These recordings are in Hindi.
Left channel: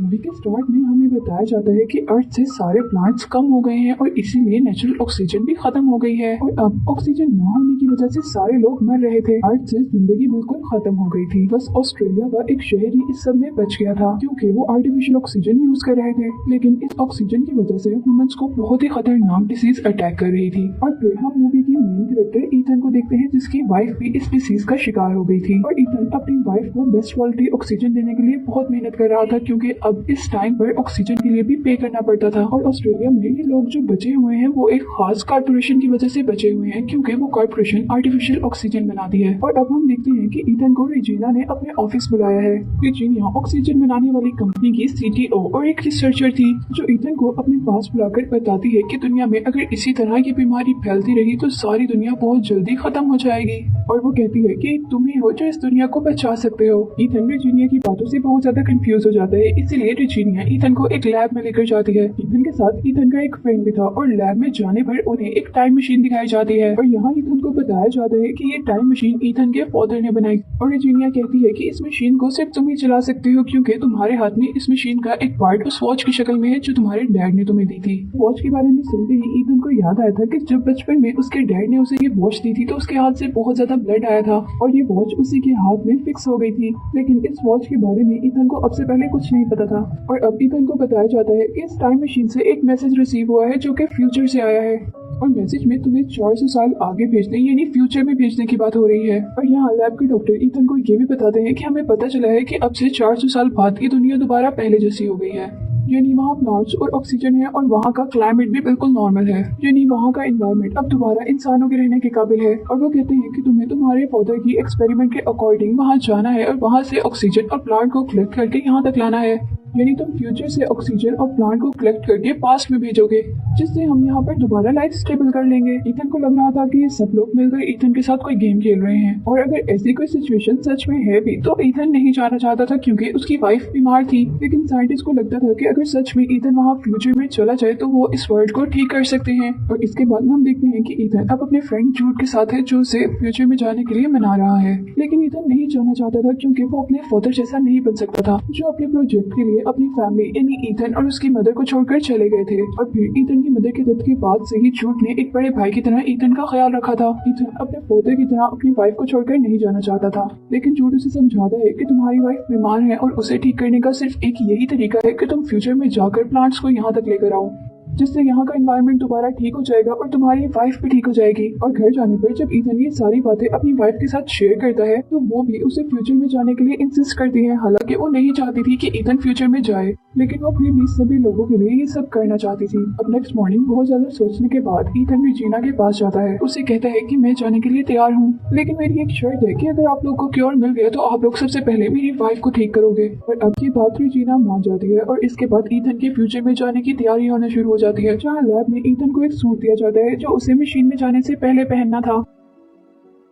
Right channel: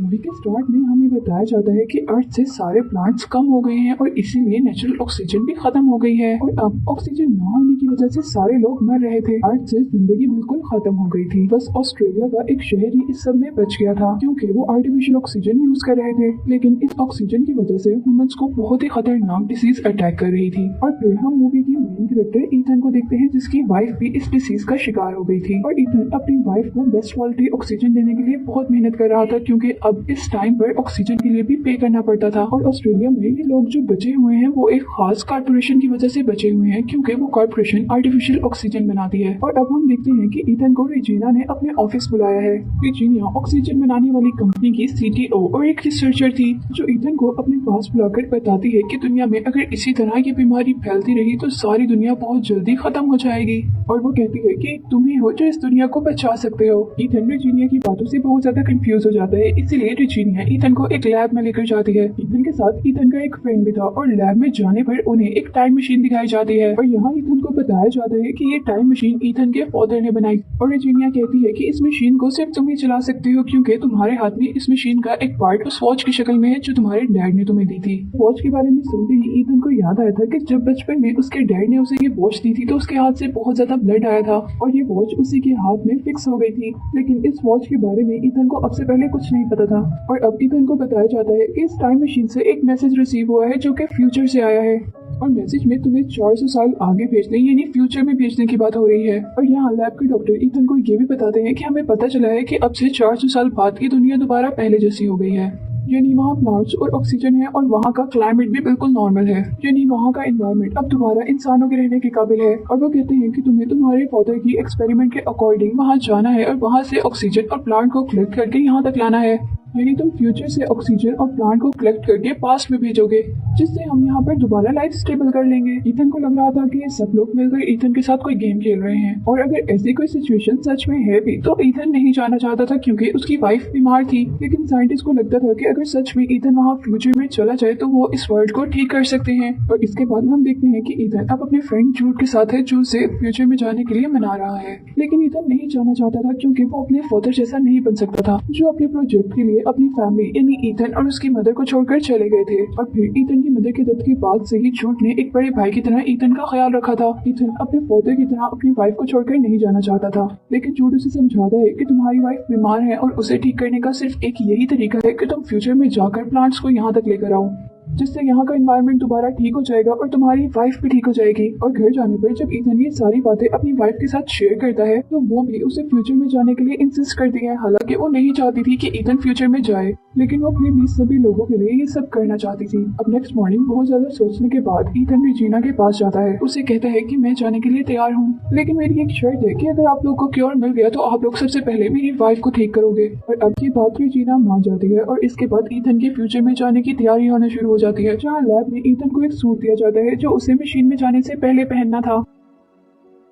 मूवी के स्टार्ट में हमें बताया जाता है कि अर्थ से सारे प्लांट्स कम हो गए हैं और इसीलिए नेचुरल ऑक्सीजन भी खत्म हो गई है और अब ऑक्सीजन न होने की वजह से सारे लोग मर रहे थे। अर्थ से जिंदगी बिल्कुल खत्म हो गई थी। बस ऑस्ट्रेलिया का एक शहर ही इस सब में बच गया था क्योंकि वो आर्टिफिशियल ऑक्सीजन यूज कर रहे थे। लेकिन इस ऑक्सीजन की वजह से ह्यूमंस को बहुत ही खतरनाक डिसीज अटैक कर रही थी। और फिर हम मूवी की मेन कैरेक्टर ईथन को देखते हैं जिसकी वाइफ भी इस डिसीज का शिकार हो गई थी। और ईथन अपनी वाइफ को बेस्ट क्वालिटी ऑक्सीजन देने के लिए बहुत मेहनत कर रहा था क्योंकि अब इस टाइम पर ऑक्सीजन के लिए भी पे करना पड़ता था। और ऑस्ट्रेलिया में ये लोग जो बचे हुए हैं वो एक खास कारपोरेशन की वजह से बचे हुए हैं क्योंकि वो कारपोरेशन आर्टिफिशियल ऑक्सीजन बनाती है। और अब हम देखते हैं कि ईथन को रेजिना ने अपने ऑफिस बुलाया है। रेजिना ऑक्सीजन बनाने वाली कंपनी की सीटीओ और एक रिसर्चर थी जो ईथन को अपने पास बुलाकर बताती है कि दुनिया में अगर इसी तरह की बीमारी फैलती रही तो सारी दुनिया बहुत जल्दी खत्म हो जाएगी। और वो कहती है कि तुम ही हो जो इस दुनिया को बचा सकते हो। ईथन रेजिना की बातों से बहुत ज्यादा कंफ्यूज हो जाता है, इसीलिए रेजिना ईथन को एक लैब में लेकर जाती है। ईथन के साथ ईथन का एक फ्रेंड भी था और लैब में जाने पर उन्हें एक टाइम मशीन दिखाई जाती है और यहाँ ईथन को बताया जाता है कि ये टाइम मशीन ईथन के फादर ने बनाई। और रेजिना कहती है कि इस मशीन को सिर्फ तुम ही चला सकते हो क्योंकि तुम्हारे हाथ में इस मशीन का एक पार्ट उस वॉच की शक्ल में है जो तुम्हारे डैड ने तुम्हें दी थी। वॉच के बारे में सुनते ही ईथन को याद आया था कि जब बचपन में उसके डैड ने उसे ये वॉच दी थी तो उसके हाथ से बहुत ज्यादा ब्लड आया था और ये वॉच उसी के हाथ में फिक्स हो गई थी। लेकिन इस वॉच के बारे में ईथन को अब से पहले कुछ नहीं पता था। और अब ईथन को बताया जाता है कि इस टाइम मशीन से एक मैसेज रिसीव हुआ है जो कि फ्यूचर से आया है और मैसेज में तुम्हें 400 साल आगे भेजने यानी फ्यूचर में भेजने की बात हो रही है। और यहाँ लैब के डॉक्टर ईथन को ये भी बताते हैं कि हमें पता चला है कि अब से 400 साल बाद की दुनिया दोबारा पहले जैसी हो गई है, यानी वहाँ प्लांट्स और ऑक्सीजन है और वहाँ का क्लाइमेट भी बिल्कुल नॉर्मल है, यानी वहाँ का एनवायरनमेंट अब दोबारा इंसानों के रहने के काबिल है। और वो कहते हैं कि तुम्हें तुम्हारे फादर की एक्सपेरिमेंट के अकॉर्डिंग वहाँ जाना है और वहाँ से ऑक्सीजन और प्लांट को कलेक्ट करके यहाँ तक लाना है, यानी तुम फ्यूचर से ऑक्सीजन और प्लांट को कलेक्ट करके पास्ट में भेजोगे जिससे हम यहाँ पर दोबारा लाइफ स्टेबल कर लेंगे। ईथन को लग रहा था कि ये सब लोग मिलकर ईथन के साथ कोई गेम खेल रहे हैं और अगर ऐसी कोई सिचुएशन सच में है भी तो ईथन नहीं जाना चाहता था क्योंकि उसकी वाइफ बीमार थी। लेकिन साइंटिस्ट को लगता था कि अगर सच में ईथन वहाँ फ्यूचर में चला जाए तो वो इस वर्ल्ड को ठीक कर सकते हैं। और इसके बाद हम देखते हैं कि ईथन अब अपने फ्रेंड जूड के साथ है जो उसे फ्यूचर में जाने के लिए मना रहा है। लेकिन ईथन नहीं जाना चाहता था क्योंकि वो अपने फादर जैसा नहीं बन सकता था जो अपने प्रोजेक्ट के लिए अपनी फैमिली यानी ईथन और उसकी मदर को छोड़कर चले गए थे। और फिर ईथन की मदर के डेथ के बाद से ही जूड ने एक बड़े भाई की तरह ईथन का ख्याल रखा था। ईथन अपने फादर की तरह अपनी वाइफ को छोड़कर नहीं जाना चाहता था, लेकिन जूड उसे समझाता है कि तुम्हारी वाइफ बीमार है और उसे ठीक करने का सिर्फ एक यही तरीका है कि तुम फ्यूचर में जाकर प्लांट्स को यहाँ तक लेकर आओ जिससे यहाँ का एनवायरनमेंट दोबारा ठीक हो जाएगा और तुम्हारी वाइफ भी ठीक हो जाएगी। और घर जाने पर जब ईथन ये सारी बातें अपनी वाइफ के साथ शेयर करता है तो वो भी उसे फ्यूचर में जाने के लिए इंसिस्ट करती है। हालांकि वो नहीं चाहती थी कि ईथन फ्यूचर में जाए, लेकिन वो फिर भी सभी लोगों के लिए ये सब करना चाहती थी। अब नेक्स्ट मॉर्निंग बहुत ज्यादा सोचने के बाद ईथन रेजिना के पास जाता है। उसे कहता है कि मैं जाने के लिए तैयार हूँ, लेकिन मेरी एक शर्त है कि अगर आप लोग को क्योर मिल गया तो आप लोग सबसे पहले मेरी वाइफ को ठीक करोगे। और अब की बात रेजिना मान जाती है और इसके बाद ईथन के फ्यूचर में जाने की तैयारी होना शुरू हो जाती है, जहाँ लैब में ईथन को एक सूट दिया जाता है जो उसे मशीन में जाने से पहले पहनना था।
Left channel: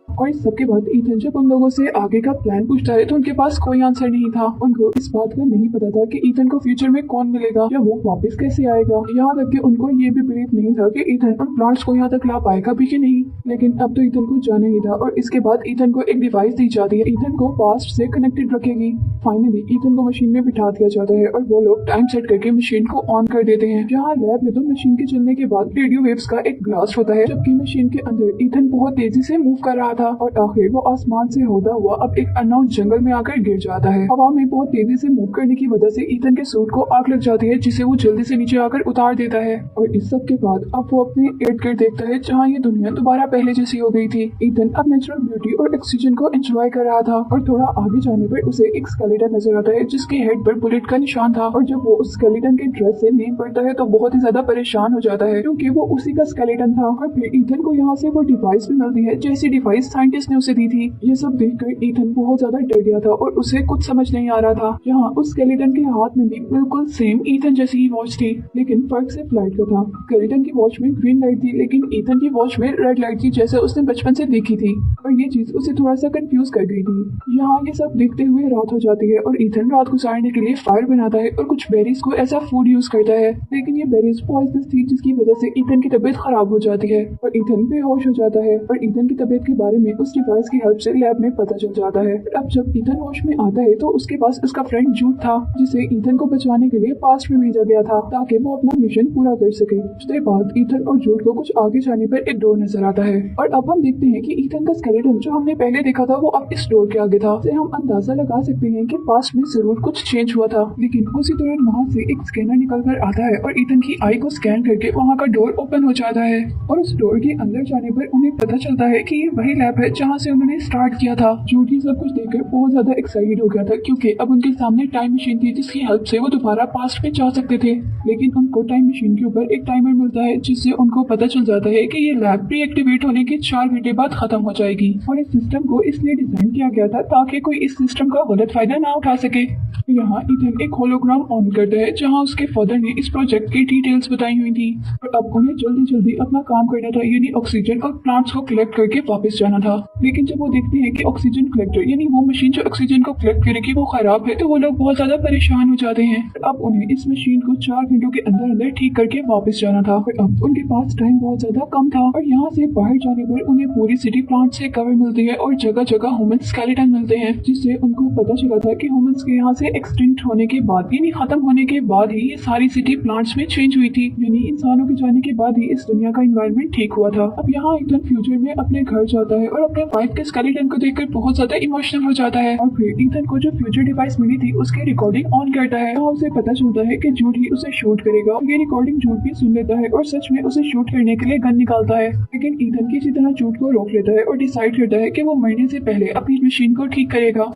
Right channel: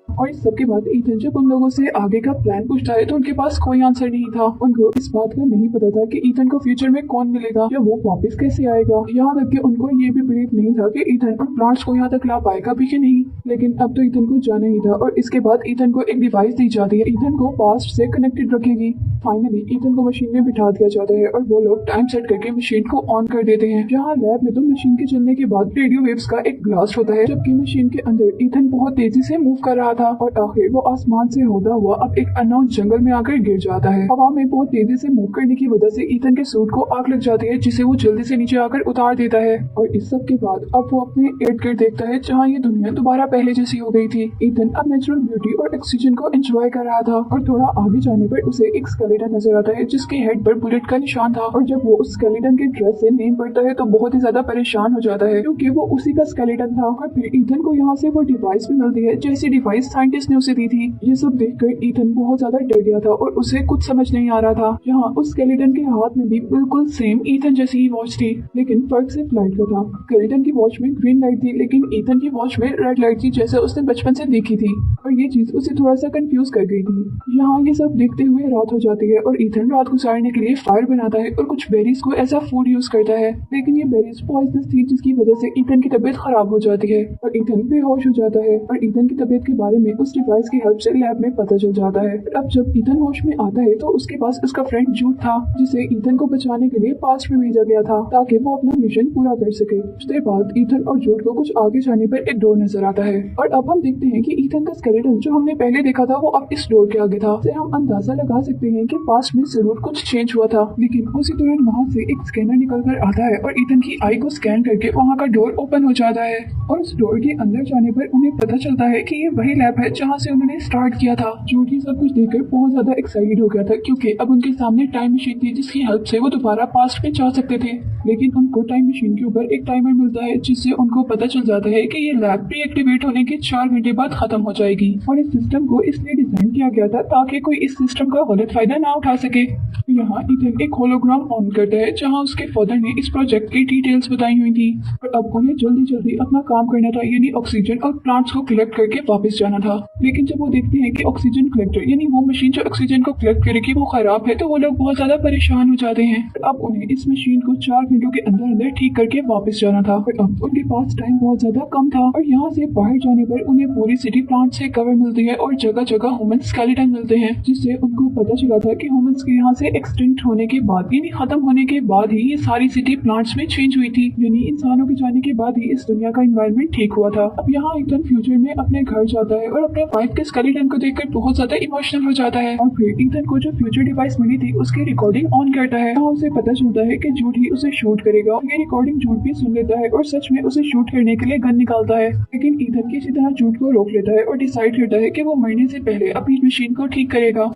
और इस सबके बाद ईथन जब उन लोगों से आगे का प्लान पूछता है तो उनके पास कोई आंसर नहीं था। उनको इस बात का नहीं पता था कि ईथन को फ्यूचर में कौन मिलेगा या वो वापस कैसे आएगा। यहाँ तक कि उनको ये भी बिलीव नहीं था कि ईथन उन प्लांट्स को यहाँ तक ला पाएगा भी कि नहीं। लेकिन अब तो ईथन को जाना ही था और इसके बाद ईथन को एक डिवाइस दी जाती है ईथन को पास्ट से कनेक्टेड रखेगी। फाइनली ईथन को मशीन में बिठा दिया जाता है और वो लोग टाइम सेट करके मशीन को ऑन कर देते हैं। जहाँ लैब में तो मशीन के चलने के बाद रेडियो वेव्स का एक ब्लास्ट होता है, जबकि मशीन के अंदर ईथन बहुत तेजी से मूव कर रहा था और आखिर वो आसमान से होता हुआ अब एक अननोन जंगल में आकर गिर जाता है। हवा में बहुत तेजी से मूव करने की वजह से ईथन के सूट को आग लग जाती है जिसे वो जल्दी से नीचे आकर उतार देता है। और इस सब के बाद अब वो अपने इर्द गिर्द देखता है जहाँ ये दुनिया दोबारा पहले जैसी हो गई थी। ईथन अब नेचुरल ब्यूटी और ऑक्सीजन को एंजॉय कर रहा था और थोड़ा आगे जाने पर उसे एक स्केलेटन नजर आता है जिसके हेड पर बुलेट का निशान था। और जब वो उस स्केलेटन के ड्रेस से नेम पड़ता है तो बहुत ही ज्यादा परेशान हो जाता है क्योंकि वो उसी का स्केलेटन था। और फिर ईथन को यहाँ से वो डिवाइस भी मिलती है जैसी डिवाइस साइंटिस्ट ने उसे दी थी। ये सब देखकर ईथन बहुत ज्यादा डर गया था और उसे कुछ समझ नहीं आ रहा था। यहाँ उस स्केलेटन के हाथ में भी बिल्कुल सेम ईथन जैसी ही वॉच थी, लेकिन फर्क सिर्फ लाइट का था। स्केलेटन की वॉच में ग्रीन लाइट थी लेकिन ईथन की वॉच में रेड लाइट थी जैसे उसने बचपन से देखी थी और ये चीज उसे थोड़ा सा कंफ्यूज कर गई थी। यहाँ ये सब देखते हुए रात हो जाती है और ईथन रात गुजारने के लिए फायर बनाता है और कुछ बेरीज को ऐसा फूड यूज करता है, लेकिन ये बेरीज पॉइजनस थी जिसकी वजह से ईथन की तबीयत खराब हो जाती है और ईथन बेहोश हो जाता है। और ईथन की तबीयत के बारे में उस डिवाइस की हेल्प से लैब में पता चल जाता है। अब जब ईथन होश में आता है तो उसके पास उसका फ्रेंड जूड था, जिसे ईथन को बचाने के लिए पास्ट में भेजा गया था ताकि वो अपना मिशन पूरा कर सके। उसके बाद ईथन और जूड को कुछ आगे जाने पर एक डोर नजर आता है और अब हम देखते हैं कि ईथन का स्केलेटन जो हमने पहले देखा था वो अब इस डोर के आगे था। से हम अंदाजा लगा सकते हैं कि पास्ट में जरूर कुछ चेंज हुआ था। लेकिन उसी दौरान वहाँ से एक स्कैनर निकल कर आता है और ईथन की आई को स्कैन करके वहाँ का डोर ओपन हो जाता है और उस डोर के अंदर जाने पर उन्हें पता चलता है कि ये वही लैब है जहाँ से उन्होंने स्टार्ट किया था। जूड ये सब कुछ देखकर बहुत ज्यादा एक्साइटेड हो गया था क्योंकि अब उनके सामने टाइम मशीन थी जिसकी हेल्प से वो दोबारा पास्ट में जा सकते थे। लेकिन उनको टाइम मशीन के ऊपर एक टाइमर मिलता है जिससे उनको पता चल जाता है कि ये लैब प्री एक्टिवेट होने के 4 घंटे बाद खत्म हो जाएगी और इस सिस्टम को इसलिए डिजाइन किया गया था ताकि कोई इस सिस्टम का गलत फायदा ना उठा सके। यहाँ ईथन एक होलोग्राम ऑन करता है जहाँ उसके फादर ने इस प्रोजेक्ट की डिटेल्स बताई हुई थी और अब उन्हें जल्दी जल्दी अपना काम करना था, यानी ऑक्सीजन और प्लांट्स को कलेक्ट करके वापस जाना था। लेकिन जब वो देखते हैं कि ऑक्सीजन कलेक्टर यानी वो मशीन जो ऑक्सीजन को कलेक्ट करेगी वो खराब है तो वो लोग बहुत ज्यादा परेशान हो जाते हैं। अब उन्हें इस मशीन को 4 घंटों के अंदर अंदर ठीक करके वापस जाना था। अब उनके पास टाइम बहुत ज्यादा कम था और यहाँ से बाहर जाने पर उन्हें पूरी सिटी प्लांट से कवर मिलती है और जगह जगह ह्यूमन स्केलेटन मिलते हैं, जिससे उनको पता चला था कि ह्यूमंस के यहाँ से एक्सटिंक्ट होने के बाद यानी खत्म होने के बाद ही ये सारी सिटी प्लांट्स में चेंज हुई थी, यानी इंसानों के जाने के बाद ही इस दुनिया का एनवायरनमेंट ठीक हुआ था। अब यहाँ ईथन फ्यूचर में अपने घर जाता है और अपने वाइफ के स्केलेटन को देखकर बहुत ज्यादा इमोशनल हो जाता है और फिर ईथन को जो फ्यूचर डिवाइस मिली थी उसकी रिकॉर्डिंग ऑन करता है। वहाँ उसे पता चलता है कि जूड ही उसे शूट करेगा। ये रिकॉर्डिंग जूड भी सुन लेता है और सच में उसे शूट करने के लिए गन निकालता है, लेकिन ईथन किसी तरह जूड को रोक लेता है और डिसाइड करता है कि वो मरने से पहले अपनी मशीन को ठीक करेगा।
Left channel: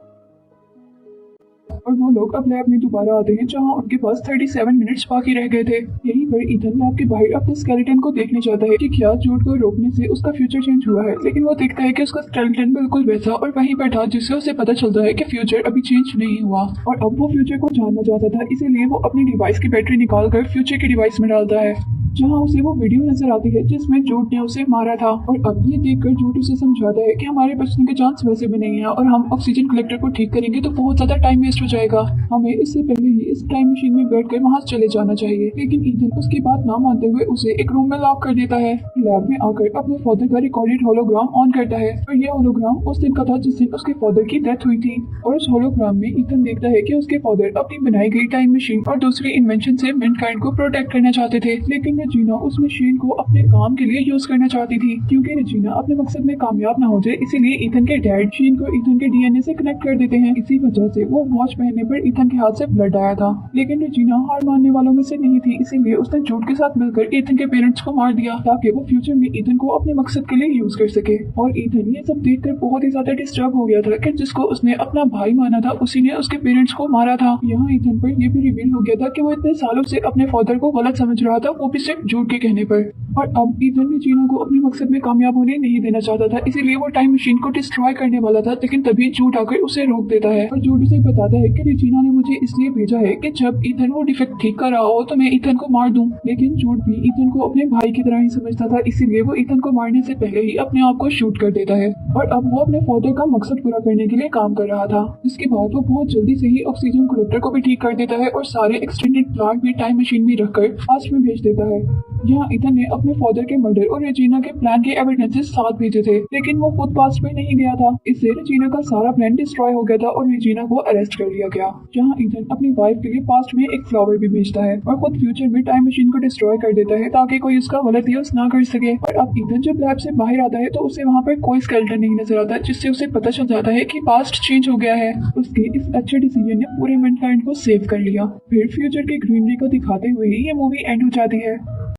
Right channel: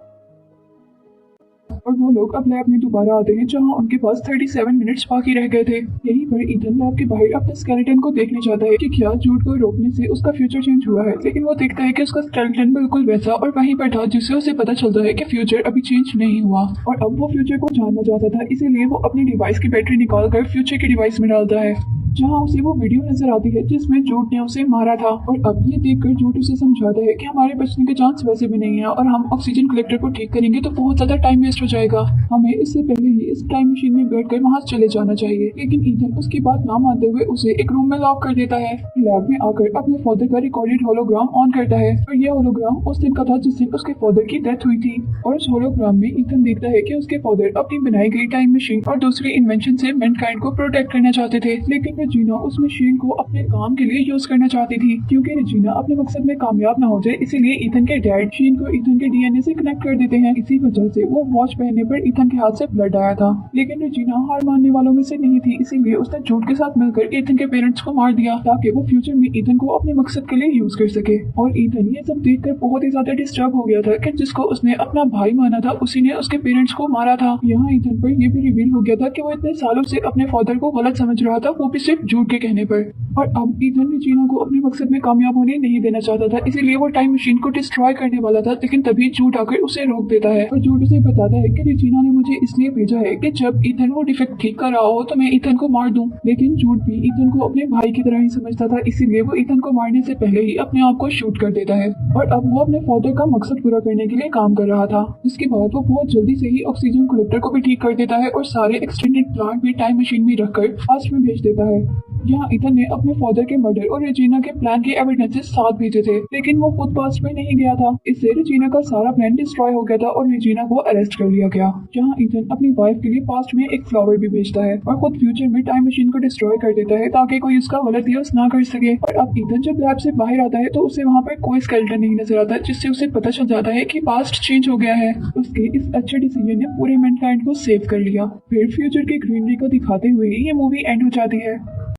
और वो लोग अब लैब में दोबारा आते हैं जहाँ उनके पास 37 मिनट्स बाकी रह गए थे। यहीं पर ईथन लैब के बाहर अपने स्केलेटन को देखने जाता है कि क्या जूड को रोकने से उसका फ्यूचर चेंज हुआ है, लेकिन वो देखता है कि उसका स्केलेटन बिल्कुल वैसा और वहीं पर था, जिससे उसे पता चलता है कि फ्यूचर अभी चेंज नहीं हुआ और अब वो फ्यूचर को जानना चाहता था, इसीलिए वो अपनी डिवाइस की बैटरी निकाल कर फ्यूचर की डिवाइस में डालता है जहाँ उसे वो वीडियो नजर आती है जिसमें जूड ने उसे मारा था। और अब ये देखकर जूड उसे समझाता है कि हमारे बचने के चांस वैसे भी नहीं है और हम ऑक्सीजन कलेक्टर को ठीक करेंगे तो बहुत ज्यादा टाइम वेस्ट हो जाएगा, हमें इससे पहले ही इस टाइम मशीन में बैठकर वहाँ चले जाना चाहिए। लेकिन ईथन उसकी बात ना मानते हुए उसे एक रूम में लॉक कर देता है। लैब में आकर अपने फादर का रिकॉर्डेड होलोग्राम ऑन करता है और ये होलोग्राम उस दिन का था जिस दिन उसके फादर की डेथ हुई थी और उस होलोग्राम में ईथन देखता है कि उसके फादर अपनी बनाई गई टाइम मशीन और दूसरी इन्वेंशन से मैनकाइंड को प्रोटेक्ट करना चाहते थे, लेकिन रेजिना उस मशीन को अपने काम के लिए यूज करना चाहती थी क्योंकि रेजिना अपने मकसद में कामयाब न हो जाए, इसीलिए ईथन के डैड मशीन को ईथन के डीएनए से कनेक्ट कर देते हैं। इसी वजह से वो वॉच पहनने पर ईथन के हाथ से ब्लड आया था, लेकिन रेजिना हार मानने वालों में से नहीं थी, इसीलिए उसने जूड के साथ मिलकर ईथन के पेरेंट्स को मार दिया ताकि वो फ्यूचर में ईथन को अपने मकसद के लिए यूज कर सके। और ईथन ये सब देखकर बहुत ही ज्यादा डिस्टर्ब हो गया था कि जिसको उसने अपना भाई माना था उसी ने उसके पेरेंट्स को मारा था। यहाँ ईथन पर ये भी रिवील हो गया था कि वो इतने सालों से अपने फादर को गलत समझ रहा था, वो भी सिर्फ जूड के कहने पर। और अब ईथन रेजिना को अपने मकसद में कामयाब होने नहीं देना चाहता था, इसीलिए वो टाइम मशीन को डिस्ट्रॉय करने वाला था, लेकिन तभी जूड आकर उसे रोक देता है और जूड उसे बताता है कि रेजिना ने मुझे इसलिए भेजा है कि जब ईथन वो डिफेक्ट ठीक कर रहा हो तो मैं ईथन को मार दूं। लेकिन जूड भी ईथन को अपने भाई की तरह ही समझता था, इसीलिए वो ईथन को मारने से पहले ही अपने आप को शूट कर देता है और अब वो अपने फादर का मकसद पूरा करने के लिए काम कर रहा था। इसके बाद वो बहुत जल्दी से ही ऑक्सीजन कलेक्टर को भी ठीक कर देता है और सारे एक्सटेंडेड प्लांट भी टाइम मशीन में रखकर पास्ट में भेज देता है। यहाँ ईथन ने अपने फादर के मर्डर और रेजिना के प्लान के एविडेंसेस साथ भेजे थे, लेकिन वो खुद पास्ट में नहीं गया था, इससे रेजिना का सारा प्लान डिस्ट्रॉय हो गया था और रेजिना को अरेस्ट कर लिया गया। जहाँ ईथन अपनी वाइफ के लिए पास्ट में एक फ्लावर भी भेजता है और खुद फ्यूचर में टाइम मशीन को डिस्ट्रॉय कर देता है ताकि कोई उसका गलत यूज ना कर सके। और अब ईथन जब लैब से बाहर आता है तो उसे वहाँ पर कोई स्केलेटन नहीं नजर आता, जिससे उसे पता चल जाता है कि पास्ट चेंज हो गया है। उसके इस अच्छे डिसीजन ने पूरे मैनकाइंड को सेव कर लिया। फिर फ्यूचर के ग्रीनरी को दिखाते हुए ही ये मूवी एंड हो जाती है।